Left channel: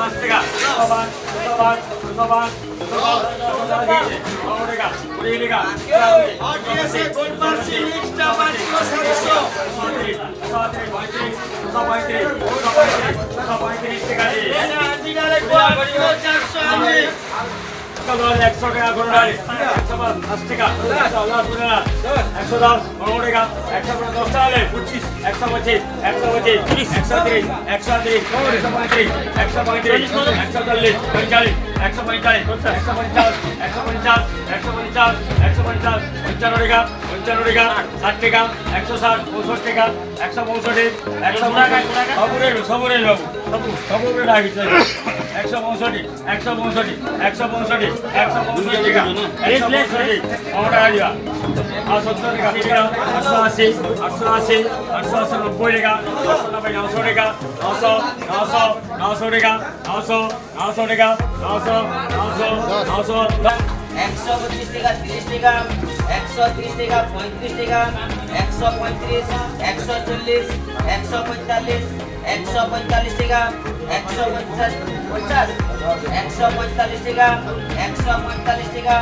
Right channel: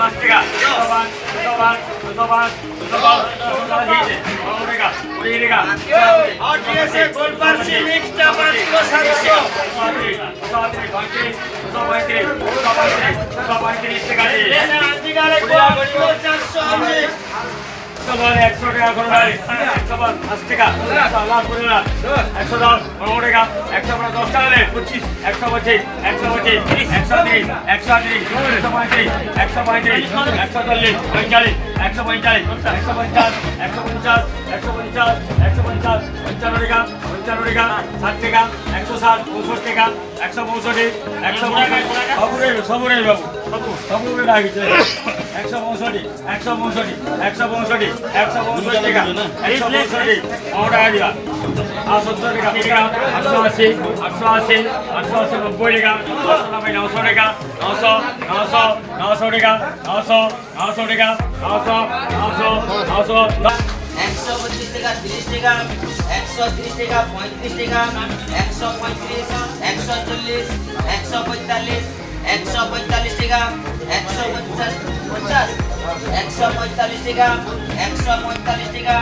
5 টাকা 205 টাকা 20 টাকা और ठीक है गोल्ड बार से मिक्स चावल किलो 700 টাকা लेना अंदीनारे को किलो 420 100 টাকা করে 150 টাকা 110 করে 110 বড় টাকা 110 টাকা 25 125 125 130 130 135 135 140 45 145 150 150 150 150 55 টাকা 55 টাকা 60 টাকা 160 65 টাকা 165 165 সবরে বাবু সবরে রাখিছে 165 165 165 165 টাকা 165 আমরা দিবা 70 টাকা 880 880 880 90 টাকা 990 900 টাকা 900 900 900 টাকা 900 900 টাকা 900 900 900 125 টাকা 30 টাকা 130 টাকা 35 টাকা 135 140 145 145 টাকা 145 145 টাকা 145 টাকা